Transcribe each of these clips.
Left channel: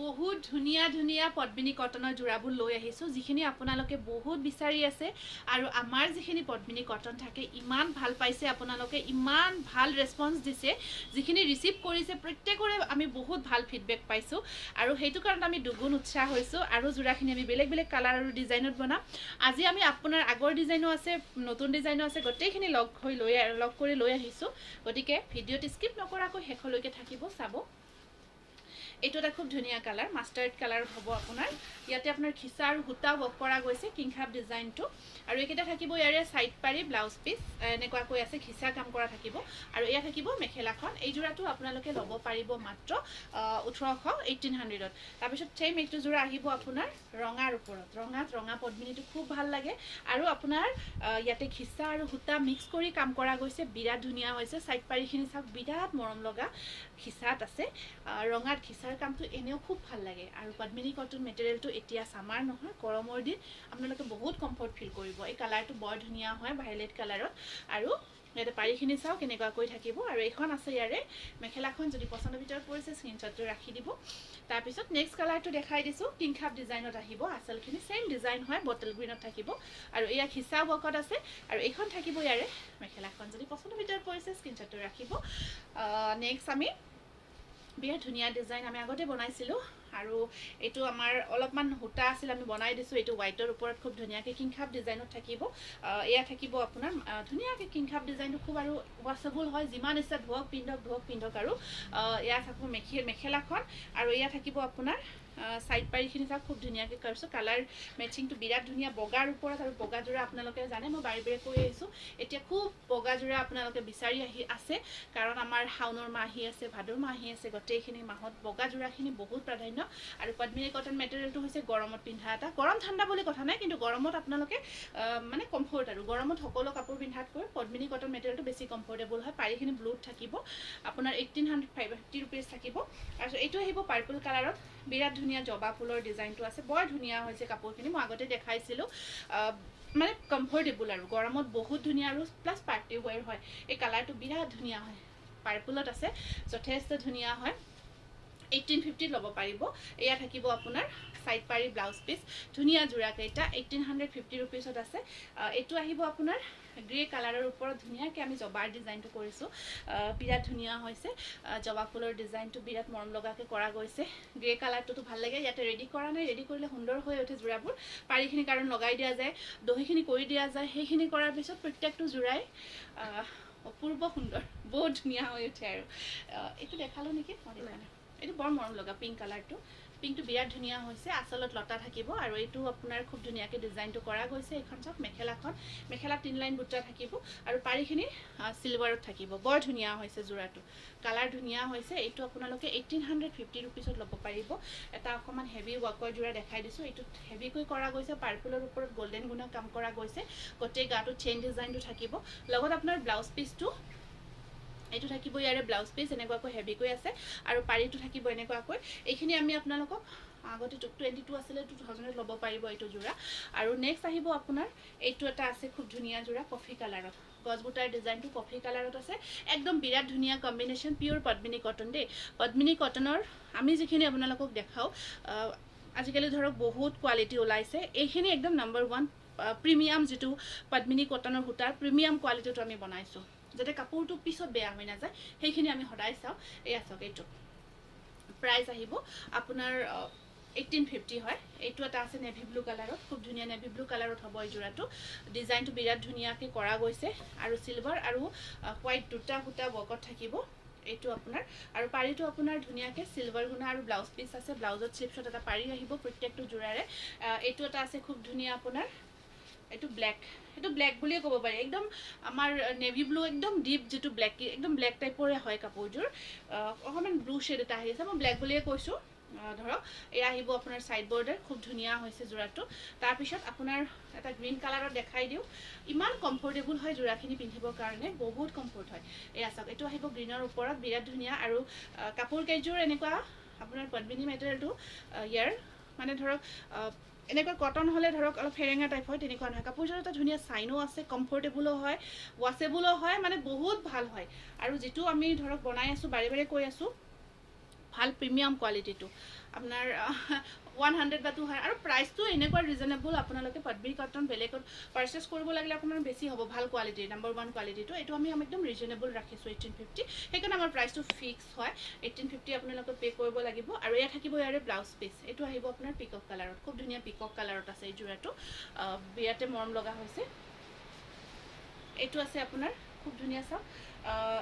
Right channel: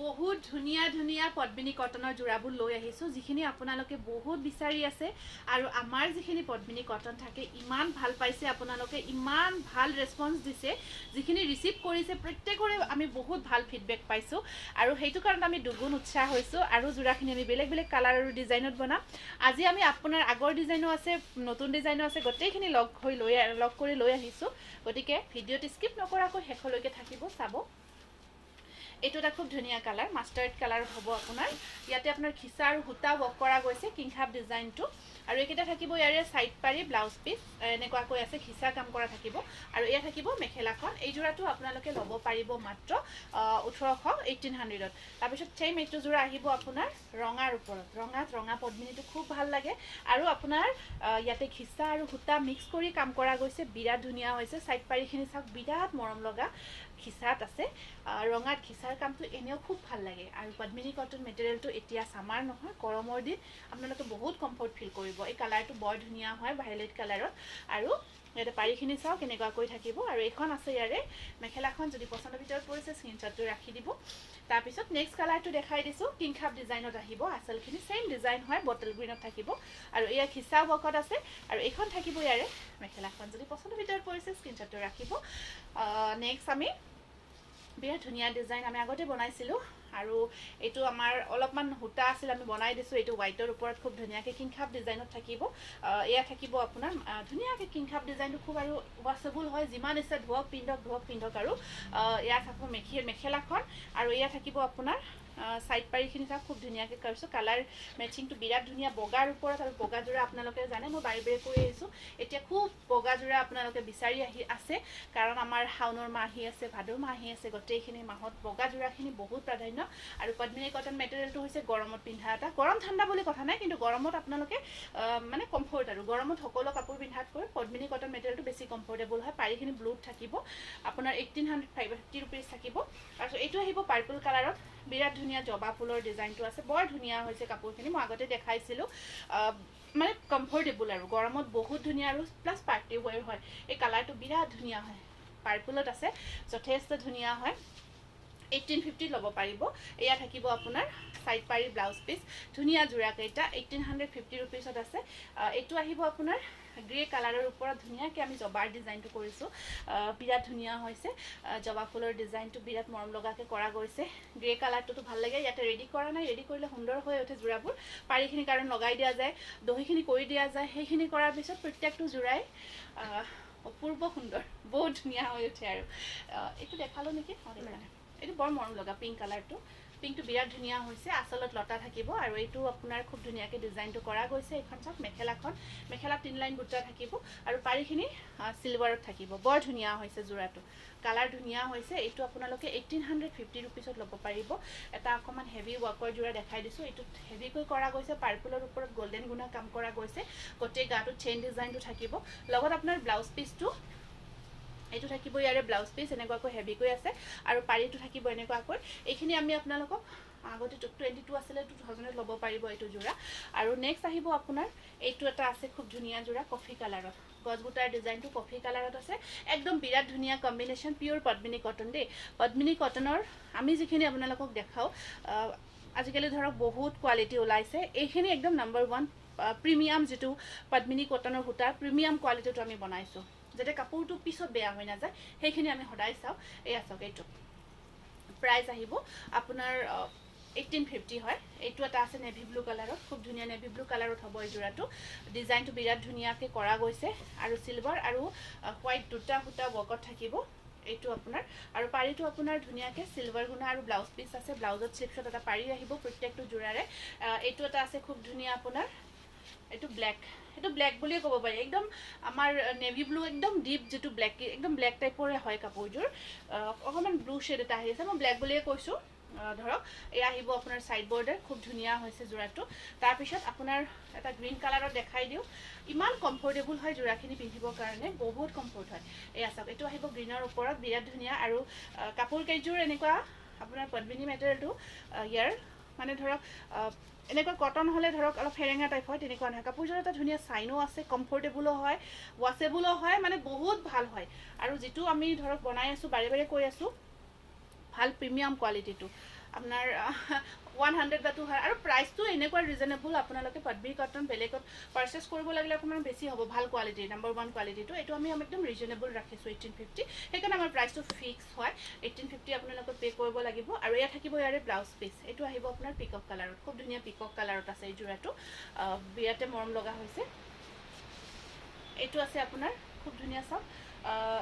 বহুত ধুনীয়া ধুনীয়া পদ্মিনী কটনৰ জোৰাবোৰ লৈ আহিছোঁ, যিখিনি আপোনালোকে বহুত বিচাৰি আছে। আৰু আমাৰ যিখিনি পদ্মিনী কটন থাকে ইমান ভাল পাইছে আপোনালোকে, ইমান ভাল ৰেছপন্স দিছে। যিখিনি ৰিচিভ কৰিছে প্ৰত্যেকৰে আমি বহুত ভাল ফিডবেক পাইছোঁ, আৰু সেইটো কাৰণত আমি দুগুণ উৎসাহ হৈছোঁ। আৰু জোৰাখিনি আমি বেলেগ বেলেগ কালাৰ আৰু ডিজাইনত বনাম। আজি আমি আপোনাৰ আগৰ ডিজাইনো আছে, নতুন ডিজাইনো আছে, গোটেইখিনি লগ কৰি লৈ আহিছোঁ। গতিকে ভিডিঅ'টো স্কিপ নকৰাকৈ শেষলৈকে থাকিব, চাব। এইটো এটা খুব ধুনীয়া কালাৰ, মাষ্টাৰ্ড কালাৰত হ'ব আপোনাৰ। ইয়াতে আপোনাৰ খিচা আৰু সূতা ৱৰ্ক কৰা গৈছে, কিংখাপ ডিজাইনটো। আৰু এইকেইটা থাকিব ইয়াৰে চাইড পাৰি ব্লাউজ পিচ এনেকুৱাকৈ আছে, খিচা কাম কৰা থাকিব। আৰু এয়া থাকিব মেখেলাখন। এই যোৰাটো আপোনালোকে ল'ব পাৰিব মাত্ৰ 1800 তাৰপিছত ছেইম এইটো যোৰা আহিব আপোনাৰ ৰঙাৰ ওপৰত। ৰঙা পদ্মিনীটো খুব ভাল লাগে। আৰু আপোনাৰ ইয়াতে খিচা আৰু সূতা মিক্স কৰি কাম কৰা গৈছে, বিৰাট ধুনীয়া হৈছে। চাইড পাৰিখিনি চাওক, বিৰাট মৰম লগা খিচাত আছে। ৰঙাত খিচাৰ কামটো এনেও খুব ভাল লাগে। আৰু পদ্মিনী কটন মেটেৰিয়েলটো এতিয়া ছামাৰ নহয়, গৰমৰ দিন, আপোনালোকে বহুত কমফৰ্ট ফিল কৰিব। এই কালাৰটো বৰ ধুনীয়া হয়, ভাইলেট কালাৰত। আৰু ইয়াতে পাৰিখিনি চাওক কেনেকুৱাকৈ থাকিব। আৰু এইখন আছে ইয়াৰে মেখেলাখন। যদি পচন্দৰ ভিতৰত পৰিছে স্ক্ৰীনশ্বটটো ৰাখি দিব। তাৰপিছত নেক্সট কালাৰটো দেখাই দিছোঁ, কিংখাপ ডিজাইনত আহিব। আচলখিনি ছেইম ডিজাইন হয়, বটল গ্ৰীণত থাকিব। আৰু এয়া খিচা ৱৰ্কত আছে। আৰু এইখন থাকিব ইয়াৰে মেখেলাখন। যদি পচন্দৰ ভিতৰত পৰিছে স্ক্ৰীনশ্বটটো ৰাখিব। নেক্সট আমি বিৰাট ধুনীয়া ডিজাইন আমি আগতে বনাইছিলোঁ। আৰু এইটো আমাৰ অলপমান সূতা আছিল, আমি বনাই দিছোঁ। এইটো হোৱাইটৰ ওপৰত খুব ধুনীয়াকৈ কিংখাপ ডিজাইনত থাকিব। এয়া থাকিব আপোনাৰ ধুনীয়াকৈ কিংখাপ ডিজাইনটো খুব আৰু ৱাছেবল হয়, যিমান ইচ্ছা ধুৱক পিন্ধক। আৰু এয়া থাকিব মেখেলাখন। আৰু এয়া থাকিব আপোনাৰ চাইড পাৰিখিনি চাওক, খুব ধুনীয়াকৈ কৰিছোঁ। কালাৰ মেচিংটো বিৰাট ধুনীয়া, বগাৰ ওপৰত। আৰু বগা যোৰা আপোনালোকে জানে মই বাৰে বাৰে কৰি আহিছোঁ, এতিয়া খুব বগা যোৰা আপোনালোকে বিচাৰি আছে। কাৰণ আমাৰ শাওণৰ মাহ আহি আছে, ভাদৰ মাহ আহি আছে, গোটেইখিনি মাহত বগা যোৰাখিনি বহুত প্ৰাধান্য। আৰু পদ্মিনী কটন মেটেৰিয়েলটো হৈছে গৰমত পিন্ধা এটা, গৰম ঠাণ্ডা বুলি কথা নাই, কিন্তু গৰমত আপোনালোকে মানে কমফৰ্ট। আৰু গৰমত সকলো কাপোৰ পিন্ধাতকৈ পদ্মিনী কটন মেটেৰিয়েলটো বেছি কমফৰ্টেবল হয়। পাৰিখিনি ব্লুত থাকিব আপোনাৰ 1850 থাকিব। তাৰপিছত এইটো আহিব পাৰ্পল কালাৰত, বিৰাট ধুনীয়া জবা ফুলৰ ডিজাইনটো আছে, বৰ ধুনীয়া হৈছে কাপোৰখিনি। মই আগতে দেখাইছিলোঁ, মানে কমফৰ্টেবল আৰু গৰমত বহুত ধুনীয়া। আৰু প্লাছ পাৰ্টি ৱেৰ হয়। এই কালাৰটো বিৰাট ধুনীয়া হয়, পাৰ্পলত আছে, যথেষ্ট ধুনীয়া হয়। 1850 ল'ব পাৰিব। এয়া থাকিব আপোনাৰ চাইড পাৰি ব্লাউজ পিচ, ধুনীয়া যোৰাকেইটা 1850 আছে। এইটো আহিব আপোনাৰ গ্ৰে কালাৰৰ ওপৰত ধুনীয়াকৈ আমি জবাৰ ডিজাইনটো কৰিছোঁ, বিৰাট ধুনীয়া হৈছে। জবা ফুলৰ ডিজাইনটো বিৰাট মৰম লগাকৈ কৰা গৈছে। গ্ৰে কালাৰটোতো ভাল লাগে। ইয়াতে ৰেডি কৰা নাই, ৰেডি কৰিলে সুন্দৰ হৈ উঠে যোৰাবোৰ। পাৰিখিনি কাৰণ লগাই দিয়া যায়, দহিখিনি কৰি দিয়া যায়। সেইখিনি কৰাৰ পিছত প্ৰত্যেকটো যোৰাই অপূৰ্ব সুন্দৰ, বহুত ধুনীয়া হৈ উঠে। আৰু এইটো দেখালোঁ নেকি, এইটো বৰ মৰম লগা পিংক কালাৰটো। পিংকটো বিৰাট ধুনীয়া হৈছে, আচলত লতা থাকিব। আৰু এইটো আপোনাৰ খুব ধুনীয়াকৈ ডিজাইনটো কৰা গৈছে। এইখন চাওক মেখেলা 3 লাইন বুটা থাকিব। আৰু পাৰিখিনি চিলভাৰত থাকিব, বৰ ধুনীয়া হৈছে যোৰাটো, কালাৰ ধুনীয়া হৈছে। এইটো আপোনালোকে 1850 ল'ব পাৰিব। এটা অকণমান হেভি ৱৰ্কৰ যোৰা দেখাই দিছোঁ, এইটোত হেভিকৈ কৰা গৈছে। পাৰ্পলৰ ওপৰত গল্ডেন গুণা কাম কৰা গৈছে। গোটেই গাটো চেইন ডিজাইনটো থাকিব। লগত আপোনাৰ ব্লাউজ পিচটো এইটো থাকিব ইয়াৰে ব্লাউজ পিচ, এনেকুৱাকৈ হেভিকৈ আছে। আৰু পাৰিটো থাকিব এনেকুৱাকৈ। এইখিনি আমি আপোনালোকক আগতে 22 আছিলে, 2000 ল'ব পাৰিব এইটো যোৰা। আৰু নেক্সট আহিব আপোনাৰ এইটো এটা আছে, খুব ধুনীয়া যোৰা, কফি কালাৰত। গছবুটাৰ ডিজাইনটো কফি কালাৰত আছে, একদম বিৰাট ধুনীয়া কম্বিনেশ্যন। পিয়'ৰ পদ্মিনী কটন দেই। পদ্মিনী কটনৰ আমি যিখিনি আপোনালোকক দেখাওঁ, আজিকালি ধৰক বহুত কোৱালিটি ওলাইছে। এইখিনি একদম নম্বৰ 1 প্ৰিমিয়াম, যিটো পদ্মিনী কটনৰ সূতাৰ প্ৰিমিয়াম কোৱালিটিটো আমি বনাইছোঁ, যাতে কাপোৰটো পিছত বেয়া হৈ নাযায়। সেইখিনি আমি সদায় চাওঁ। এয়া চাওক, এইটো প্ৰাইচ আহিব আপোনাৰ 1850 হয়। এইটো এটা আছে নেভি ব্লু কালাৰত, খুব ধুনীয়া নেভি ব্লু কালাৰত হ'ব এই যোৰাটো। ডিজাইনটো বিৰাট ধুনীয়াকৈ কৰা গৈছে। আৰু চিলভাৰ আৰু হোৱাইট দুটা সূতা ৱৰ্কত থাকিব এইটো আপোনাৰ। আৰু পাৰিটো আপোনাৰ ধুনীয়াকৈ চিলভাৰ গুণা আৰু ব্লাউজ পিচ আছে। ব্লাউজত শ্লিপছত এটা পাৰি আহিব প্ৰত্যেকটো যোৰাৰে। এইটো এটা আছে খুব ধুনীয়া আপোনাৰ, এইটো ব্লেক বুলিয়ে ক'ব পাৰি। একদম আমাৰ নেভি ব্লু, একদম ডিপ যিটো ব্লেক, একদম ব্লেক টাইপৰে হয় কাপোৰযোৰ। অকণমান ব্লু শ্বেড এটা আহি আছে, মই ব্লেক বুলিয়ে কৈছোঁ। ধৰক এয়া আহিব আপোনাৰ চাইড বৰ্ডাৰ, খুব ধুনীয়া হৈছে যোৰাটো। তাৰপিছত আপোনাৰ এটা গ্ৰীণ কালাৰত দেখাই দিওঁ, ইমান কমফৰ্টেবল হয় যোৰাখিনি পিন্ধিবৰ কাৰণে, বহুত কমফৰ্ট হয়। এয়া চাওক, এইটো আহিব গ্ৰীণৰ ওপৰত, বিৰাট ধুনীয়া। আৰু কাপোৰ কেইযোৰ এনেকুৱা আপোনাৰ পদ্মিনী মেটেৰিয়েলটো ইয়াৰ মানে ধৰক এনেকুৱা কটন হ'লে ধৰক অলপ ফেৰেঙা টাইপ হয়, তেনেকুৱা নহয়। কাপোৰযোৰ এটা ধুনীয়া চাইনো আছে, কমফৰ্টেবলো হয়, ৱাছেবলো হয়, মানে বহুত ভাল হয়। আৰু যিটো আমি ধৰক বনাই আছোঁ, বাৰে বাৰে কৈ আছোঁ, ভাল প্ৰিমিয়াম কোৱালিটিটো। আপোনাৰ 100 বা 200 আৰু প্ৰাইচটো এনেকুৱা ৰিজনেবল আপোনালোকে পদ্মিনী কটন বেলেগত পাৰ্চেছ কৰিব লাগিলে অকণমান বেছি হ'ব ভাল কোৱালিটি নাম্বাৰ 1 কোৱালিটিটো এইটো আমি একদম ৰিজনেবল ৰাখিছোঁ 1850 সেইকাৰণে আমাৰ প্ৰাইচটো ফিক্স হয় 1850 আপোনালোকে পে' কৰিব লাগিব আৰু এয়া থাকিব ইয়াৰে ব্লাউজ পিচ এইটো আহিব আপোনাৰ পিকক কালাৰত খুব ধুনীয়া পিকক কালাৰত আছে এই যোৰাটো বিৰাটে মৰম লগা হৈছে এইটো আছে আপোনাৰ খুব ধুনীয়া চাওক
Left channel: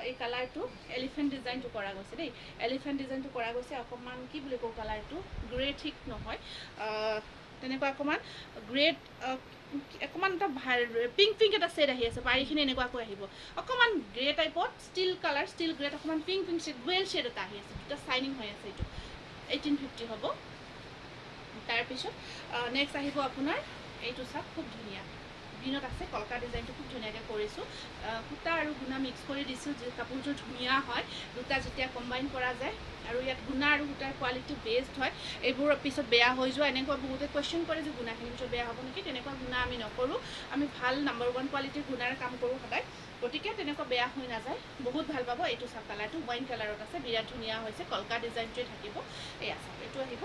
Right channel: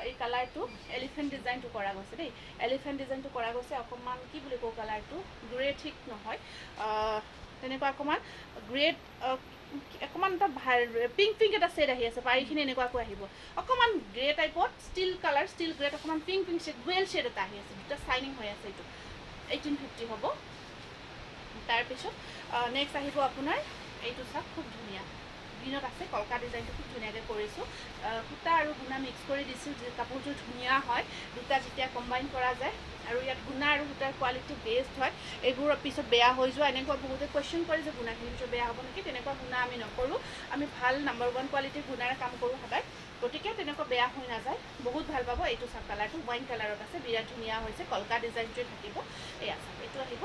এই কালাৰটো এলিফেণ্ট ডিজাইনটো কৰা গৈছে দেই এলিফেণ্ট ডিজাইনটো কৰা গৈছে অকণমান কি বুলি কওঁ কালাৰটো গ্ৰে ঠিক নহয় তেনেকুৱা অকণমান গ্ৰেড অকণমান এটা ভাল পিংক এটা ছেড আহি আছে পাৰিখিনি এনেকুৱাকৈ আহিব অকণমান গ্ৰে টাইপত ষ্টিল কালাৰ ষ্টিল গ্ৰেড অকণমান পিংক ছেড গ্ৰেল ছেড এটা আহি আছে দুটা চাইনিং হৈ আছে এইটো 1850 হ'ব তাৰপিছত নেক্সট আহিব আপোনাৰ এইটো চাওক খুব ধুনীয়া গ্ৰীণত আছে কলকা ডিজাইনটো খুব ধুনীয়াকৈ কৰিছোঁ সূতা আৰু গুণা মিক্স কৰি দিছোঁ যে কাপোৰযোৰ ধুনীয়া হয় দুটা যেতিয়া কম্বাইন কৰা যায় আৰু ইয়াত গুণা আৰু সূতাৰ কোৱালিটি বেষ্ট হয় এইবোৰ পিছত বেয়া হৈ যোৱা এনেকুৱা বহুতে কুৱেশ্যন কৰে যে গুণাখিনি পিছত বেয়া হ'ব নেকি তেনেকুৱা গুণা আমি নকৰোঁ আমি ভাল নাম্বাৰ 1 কোৱালিটিৰ গুণাৰে কাম কৰোঁ সদায় গতিকে তেনেকুৱা বেয়া হৈ নাযায় বহুত ভাল পাব এইটো চাওক কালাৰটো ৱাইন কালাৰত আছে বিৰাট ধুনীয়া হৈছে কলকা ডিজাইনটোৱে থাকিব এয়া চাওক এইটো আহিব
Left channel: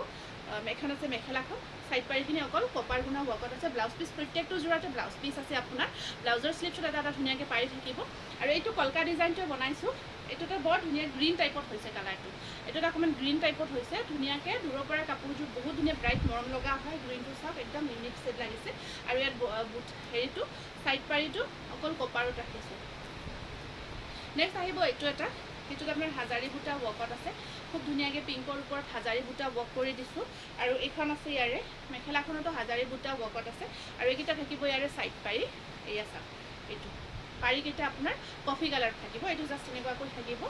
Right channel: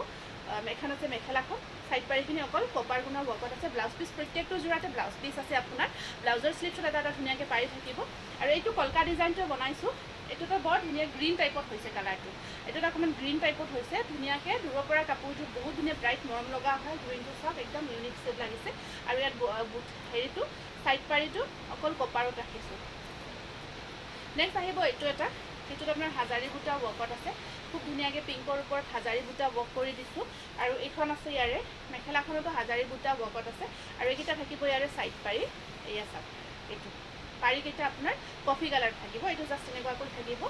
এখন আছে মেখেলাখন সাইড পাৰিখিনি অকল কপাৰ গুণা ৱৰ্কত আছে ব্লাউজ পিচ প্ৰত্যেকটো যোৰাতে ব্লাউজ পিচ আছে আপোনাৰ ব্লাউজৰ স্লিভছত এটা ধুনীয়াকৈ পাৰি থাকিব আৰু এইটো কলকা ডিজাইনটোৱে বনাইছোঁ এইটো এটা বৰ ধুনীয়া গ্ৰীণ টাইপত হৈছে কালাৰটো এইটো এটা অকণমান গ্ৰীণ টাইপত হৈছে ধুনীয়াকৈ দূৰৰ পৰা কাপোৰযোৰ বহুত ধুনীয়া ব্ৰাইট মৰম লগা হয় গ্ৰীণটো চাওক একদম ইউনিক ছেড লাগিছে আৰু ইয়াত হেৰিটো সাইড পাৰিটো অকল কপাৰত ৰাখিছে নেক্সট আহিব এইটো এটা সেইটোত আপোনাৰ হাজাৰী বুটা ৱৰ্কত আছে খুব ধুনীয়াকৈ পিংকৰ ওপৰত হাজাৰী বুটা ৱৰ্ক কৰি দিছোঁ আৰু এইখন আছে ইয়াৰে মেখেলাখনতো হাজাৰী বুটা ৱৰ্কত আছে আৰু এইকেইটা থাকিব ইয়াৰে ছাইড পাৰি এয়া চাওক এইটো পাৰিকেইটা আপোনাৰ কফি কালাৰ থাকিব এইটো জাষ্ট এনেকুৱাকৈ থাকিব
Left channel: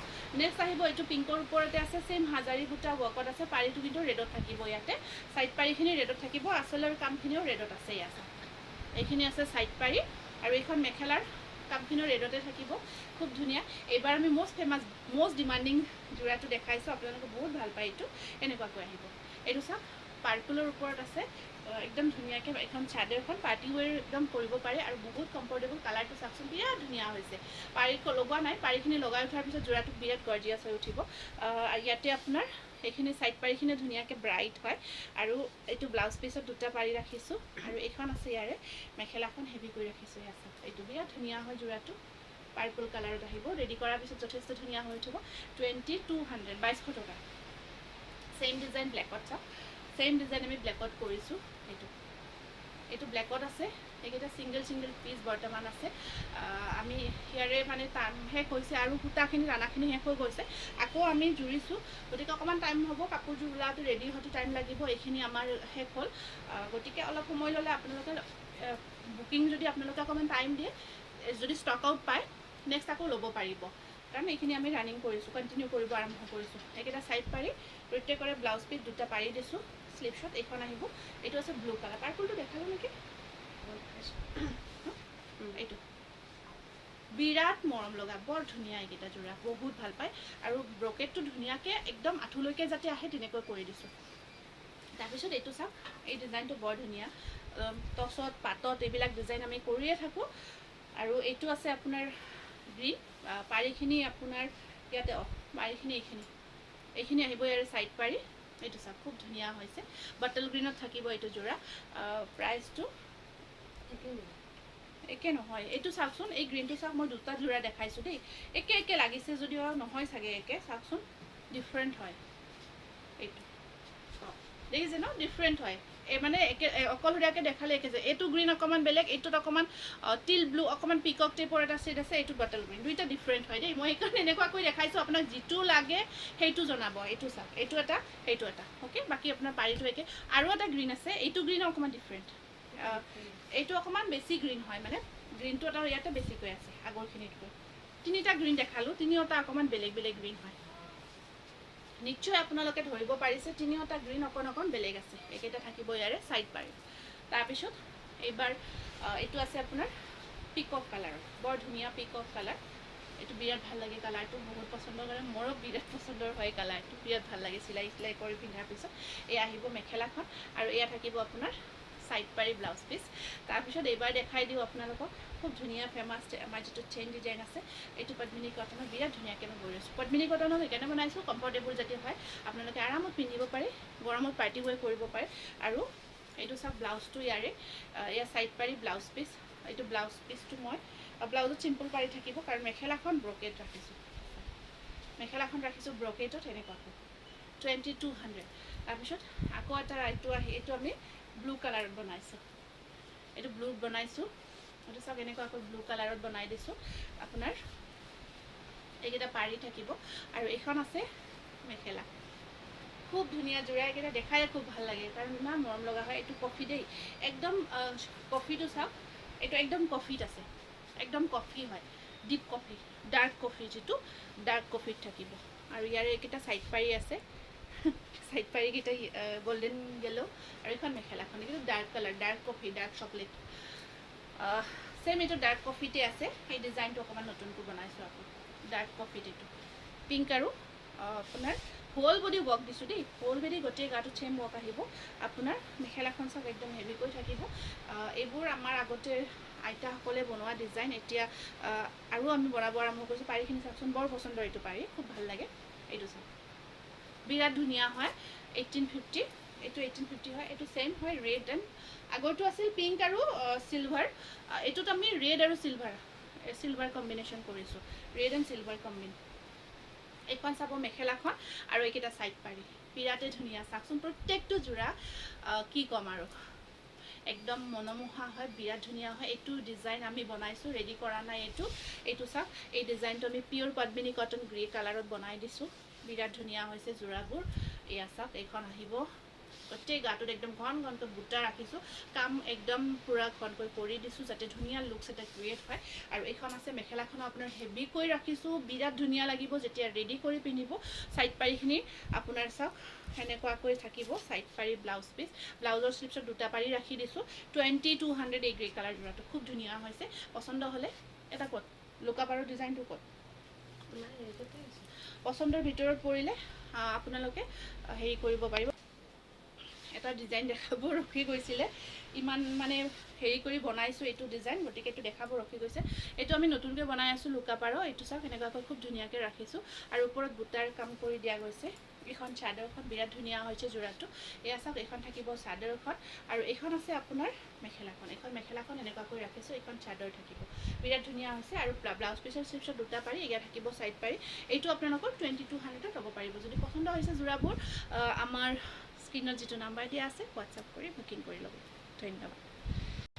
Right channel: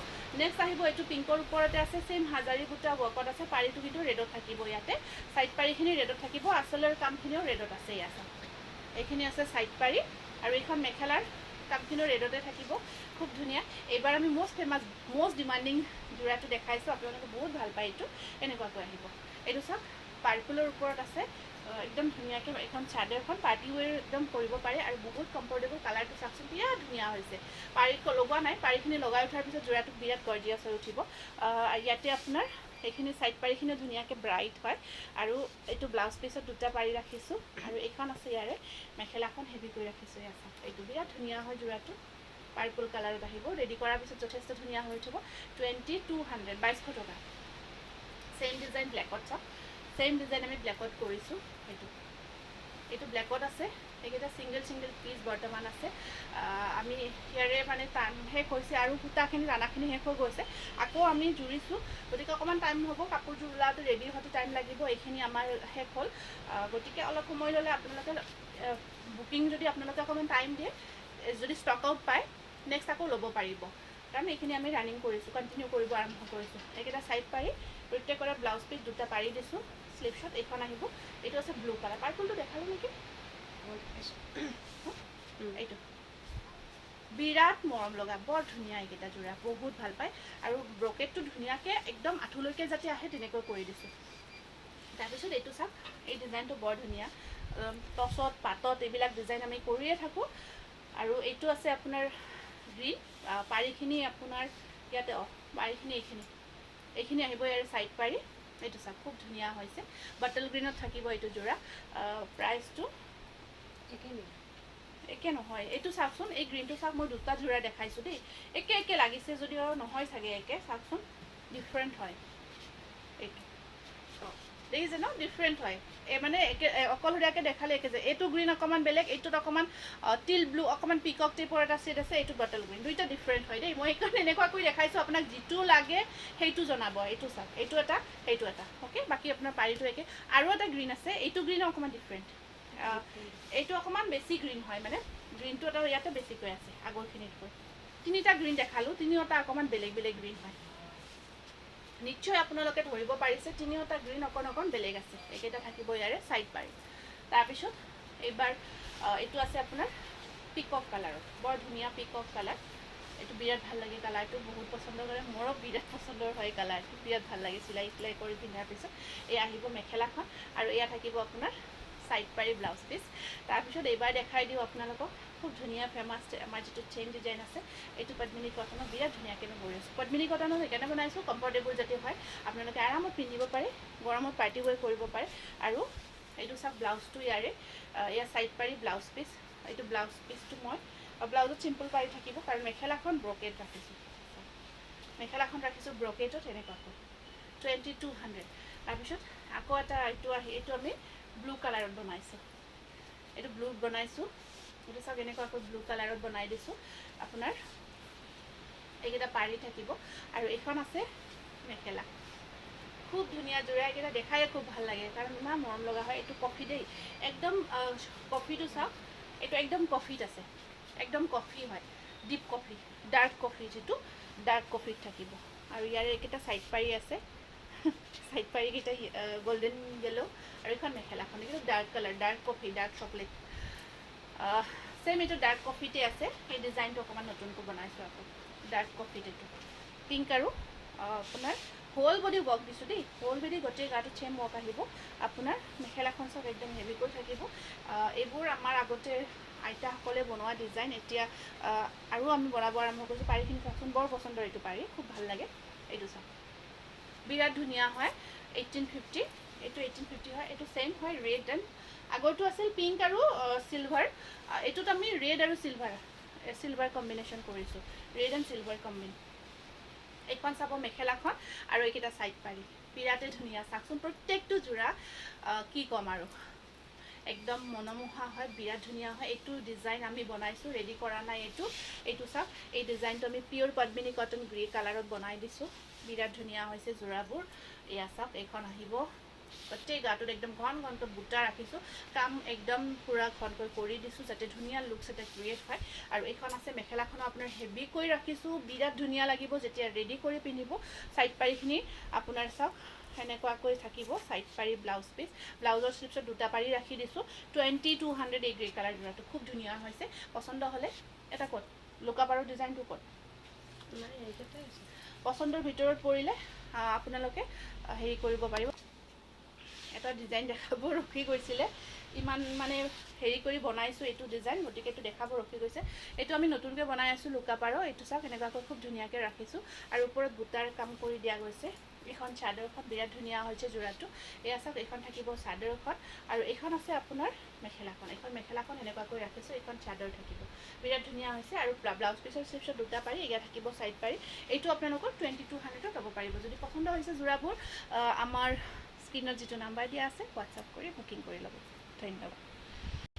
নেক্সট আহিব এইটো পিংকৰ ওপৰতে আছে ছেইম হাজাৰী বুটা ৱৰ্কত আছে পাৰিটো কিন্তু ৰেডত থাকিব ইয়াতে ছাইড পাৰিখিনি ৰেডত থাকিব আচলৰ কামখিনিও ৰেডত আছে ইয়াত এইখিনি আছে ছাইড পাৰি আৰু এইখন মেখেলাৰ কামখিনিও ৰেডতে থাকিব খুব ধুনীয়া এইবাৰ আমি মষ্ট ডিমাণ্ডিং যোৰাটো দেখাইছোঁ আপোনালোকে বহুত ভাল পায় এইটো এনেকুৱাকৈ আহিব এইটো চাওক পাৰ্পলৰ ওপৰত আছে একদম ধুনীয়াকৈ এখন চাদৰখন পাৰ্টি ৱেৰ একদম কৰিব পাৰে আৰু বহুত কমফৰ্টেবল কালাৰটো চাওকচোন বিৰাট ধুনীয়া হৈছে পাৰি লগোৱা নাই পাৰিখিনি লগাই উঠাৰ পিছত যোৰাটো বিৰাট গৰ্জিয়াছ হৈ উঠিব ইয়াতে আপোনাৰ এইখিনি ছাইড পাৰিখিনি ধুনীয়াকৈ ব্ৰাইট হয় আৰু এইটো ব্লাউজ পিছত দুটা পাৰি ৰাখিছোঁ আৰু এইখন আছে ইয়াৰে মেখেলাখন হেভি কৰি ৰাখিছোঁ ইয়াত এইটো বিৰাট ধুনীয়া হয় যোৰাটো পাৰ্পল কালাৰত আহিব ৰেডি কৰাৰ পিছত যথেষ্ট ধুনীয়া হৈ উঠিব 2200 টকা ছেইম ডিজাইন ব্লেকত চাওক ছেইম ডিজাইন আমি ব্লেকত কৰিছোঁ এইটো ব্লেকত আছে এইকেইটা ছিংগল পিচ বৰ্তমান আছে আমি ইয়াৰে মানে টাইম শেষ হৈছে আৰু সূতাখিনি দানাখিনি শেষ হৈ গৈছে আকৌ আমি জুৰিছোঁ গতিকে অকণমান টাইম হ'ব কাপোৰযোৰ ওলাওঁতে ৰেডি হোৱাটো টাইম লাগিব এইখিনি আমাৰ শেষ হ'ল গতিকে অলপ সময় ল'লে আপোনালোকে বুকিং যদি আপোনালোকে অকণমান টাইম দিয়ে যদি ষ্টক আউট পায় নেক্সট আকৌ ল'ব পাৰিব কাৰণ এইখিনি আমি ৰানিং কৰিছোঁ কণ্টিনিউ কৰিব আৰম্ভ কৰিছোঁ এইকেইটা ছাইড পাৰি প্ৰত্যেকৰে ব্লাউজ পিচ দুটা পাৰি দিছোঁ স্লিভছত এইখন আহিব এইটো আছে ব্লু কালাৰ পাৰ্পলটো দেখালোঁ নেকি এইটো বিৰাট মৰম লগা বৰ ধুনীয়া এইকেইটা যোৰা বহুত ভাল পায় আৰু ব্ৰকেটটো ধুনীয়াকৈ একদম আঁঠুলৈকে যাতে আহে তেনেকৈ কৰি দিছোঁ তাৰপিছত এইটো চাওক এই ডিজাইনটো বৰ ধুনীয়া টচত পাতত এইবিলাক ডিজাইন আমি কৰিয়ে থাকোঁ আৰু এইটো আছে আপোনাৰ গ্ৰীণ পাৰিখিনি আপোনাৰ ইয়াতে পাৰিখিনি এইখিনি আহিব ইয়াৰে ছাইড পাৰি এইটো চাওক খুব ধুনীয়া হৈছে বাটল গ্ৰীণত থাকিব এইটো যোৰা প্ৰাইচটো একে নহয় এইটো চাওকচোন এই গ্ৰীণটো চাওক মই দুটা যোৰা দেখাইছোঁ দেই একে লাগিছে যদিও নহয় চাগে একে চাওকচোন ডিফাৰেণ্ট হয় এইটো দেখিছে ন ডিফাৰেণ্ট হয় এই মানে একে অকলশৰীয়াকৈ দেখালে একে যে এইটো গ্ৰীণ অকণমান বেলেগ এইটোত অকণমান টিল ব্লু অকণমান পিকক টাইপৰ এটা ছেড আছে এইটো বাটল গ্ৰীণ দুইটা ডিফাৰেণ্ট হয় দেই মই সেইকাৰণে এনেকুৱাকৈ দেখাইছোঁ আপোনাক যিটো লাগে সেইটো জনাব এইটো চাওক এইটো এটা সেইটো এটা অ'কে বাকী আপোনাৰ পাৰিটো একে আৰু এটা গ্ৰীণ আছে এইটো গ্ৰীণ অকণমান ডিফাৰেণ্ট এইটো অকণমান বেছি গ্ৰীণ হয় মানে গ্ৰীণটো এটা ইয়াতে বেছিকৈ আছে আগৰখিনিতকৈ তিনিটা গ্ৰীণ দেখালোঁ তিনিওটা অকণমান বেলেগ গ্ৰীণ হয় নিশ্চয় আপোনালোকে ধৰিব পাৰিছে তিনিওটা গ্ৰীণ অকণ বেলেগ আছে এইকেইটা থাকিব ইয়াৰে ছাইড পাৰি তাৰপিছত এইবাৰ এইটো আছে আপোনাৰ পিকক কালাৰত বৰ ধুনীয়া পিকক কালাৰ এইটো বিৰাট ভাল লাগে কালাৰটো বহুত পচন্দ কৰে মোৰো বিৰাট পচন্দৰ হয় কালাৰটো বিৰাট ভাল লাগে চিলাই কৰি পিন্ধাৰ পিছত এয়া আহিব মেখেলাখন আৰু এয়া থাকিব আপোনাৰ সাইড পাৰি ব্লাউজ পিচ তাৰপিছত এইবাৰ দেখাই দিওঁ আপোনালোকক খুব ধুনীয়া ফেমাছ আমাৰ যিটো চেইন ডিজাইন আছে এইটো পদ্মিনী কটনৰ বিৰাট ধুনীয়াকৈ মই বৈ আছোঁ পদ্মিনী কটনৰ সেইকাৰণে বনাইছোঁ কমফৰ্টেবল যাতে হয় আপোনালোকে আৰামত পিন্ধিব পাৰে গৰমত পাৰ্টি ৱেৰ কৰিব পাৰে আৰু এইটো চাওক ব্লাউজটো ইয়াৰে ইয়াৰ চাইড পাৰি ব্লাউজ পিচ এইটো ব্লাউজ পিচটো মই ব্লাউজত চিম্পল পাৰি থাকিব কাৰণ মেখেলাখন ব্ৰকেট ৰাখিছোঁ মেখেলাখন ৰাখিছোঁ ব্ৰকেটত এনেকুৱাকৈ 2200 তাৰপিছত আকৌ এটা এইটো আমি ব্লু কালাৰত বনাইছোঁ এইটো ব্লুত বনাইছোঁ এইটো চাওক এনেকুৱাকৈ ব্লু কালাৰত বনাই দিছোঁ আপোনাৰ এইকেইটা পাৰি থাকিব আৰু এইখন আছে মেখেলা খুব ধুনীয়া যোৰা এইকেইটা দেখাই খুব ভাল লাগে কাৰণ ইমান মৰম লগা হয় এইটো কফি দেই একদম কফিটো চাওক এইটো একদম কফিত আছে একদম কফি হয় ডিপ কফি ডাৰ্ক কফি যিটো ডাৰ্ক কফিত থাকিব আৰু ইয়াৰে এইকেইটা চাইড পাৰি আছে সাইড পাৰিকেইটা গোল্ডেন येलो আৰু এখন মেখেলাখন এইটো dark colour dark coffee dark chocolate same এইটো ডাৰ্ক কফিতে আছে এই ডিজাইনটো অকণমান নতুনকৈ বনাইছোঁ আকৌ ডাৰ্ক কফিত এইটো পিংক আৰু আপোনাৰ হোল বডি ৱৰ্ক দিছোঁ দেই হোল বডি গোটেই গাটো চেম ৱৰ্ক আহিব আপোনাৰ মেখেলাখন চাওক একদম হেভিকৈ থাকিব এইবোৰ আমাৰ আগতে আইতাসকলে বনোৱা ডিজাইন এতিয়া আৰু আমি বনাব আৰম্ভ কৰিছোঁ পাৰিখিনি চাওকচোন বৰ পচন্দৰ এইটো পাৰি খুব ভাল লাগে এইটো চাওক বিৰাট ধুনীয়া হয় 1850 এইটো 1850 হয় এইটো সেম হয় ৰেড এণ্ড আগৰটো আছিল পিংক আৰু সিলভাৰ এইটোত আমি ৰেড আৰু সিলভাৰ কম্বিনেশ্যন কৰিছোঁ ৰেড এণ্ড সিলভাৰ কম্বিন এইখন চাব মেখেলাখন আৰু এইকেইটা চাইড পাৰি বিৰাটেই ধুনীয়া চাওকচোন প্ৰত্যেকটো যোৰা কি ক'ম আৰু একদম মনোমোহা হয় বিৰাট ধুনীয়া হয় এইটো ডিজাইন আমি বনাইছোঁ ৰেডি কৰা নাই এইটো চাওক এই ডিজাইনটো আমি পিয়'ৰ পদ্মিনী কটন গ্ৰে কালাৰত বনাই দিছোঁ বিৰাট ধুনীয়া হৈছে যোৰাবোৰ এয়া চাওক এইখন আহিব প্ৰত্যেক গাটোত একদম ঘন ঘনকৈ বুটা ৰাখিছোঁ কাম একদম পূৰা ঘনকৈ কৰি দিছোঁ যাতে ধুনীয়া লুকছ এটা ক্ৰিয়েট হয় আৰু এইখন আছে মেখেলাখনো আপোনাৰ হেভিকৈ ৰাখিছোঁ বিৰাট ধুনীয়া লাগিব যেতিয়া ৰেডি কৰি পিন্ধিব চাইড পাৰিখিনি আপোনাৰ চাওক সেনেকুৱাকৈ থাকিব চাইড পাৰি ব্লাউজ পিচ ব্লাউজৰ শ্লিপছত দুটা পাৰি ৰাখি দিছোঁ 2200 এই গ্ৰে কালাৰ যোৰাটো খুব ধুনীয়া হৈছে পচন্দ হ'লে এটা ক'ত লোকাপাৰৰ ডিজাইনটো ক'ত পচন্দৰ ভিতৰত পৰিলে আপোনালোকে হেৰি কৰিব পাৰিব এটা ডিজাইন দেখাব ৰখি গৈছিলে ইমান মানে হেৰি কৰি বনাইছোঁ এইটো ডিজাইন গতিকে এইটো দেখাব ৰখি গৈছে এইটো আমি নতুনকৈ বনাই আছোঁ লোকাপাৰৰ এইটো চাওক এনেকুৱাকৈ খুব ধুনীয়াকৈ ৰাখিছোঁ আৰু ওপৰত বুটাৰ কাম কৰি দিয়া গৈছে এইখন চাদৰখন বিৰাট ধুনীয়া হৈছে যোৰাটো এয়া চাওক এইখন থাকিব চাদৰখন আৰু এইখন আছে আপোনাৰ মেখেলাখন এইখন মেখেলাখন এনেকুৱাকৈ ৰাখিছোঁ এইখন চাদৰ থাকিব বিৰাট ধুনীয়া হৈছে আৰু ব্লাউজ পিচৰ শ্লিপছত দুটা পাৰি ইয়াত থাকিব চাইড পাৰি এইটো আপোনালোকৰ 2200ত ল'ব পাৰিব যদি পচন্দ হৈছে যোৰাবোৰ আমাৰ স্ক্ৰীনত যিটো নাম্বাৰ দিয়া আছে হোৱাটছআপ কৰি বুকিং কৰি ল'ব ধন্যবাদ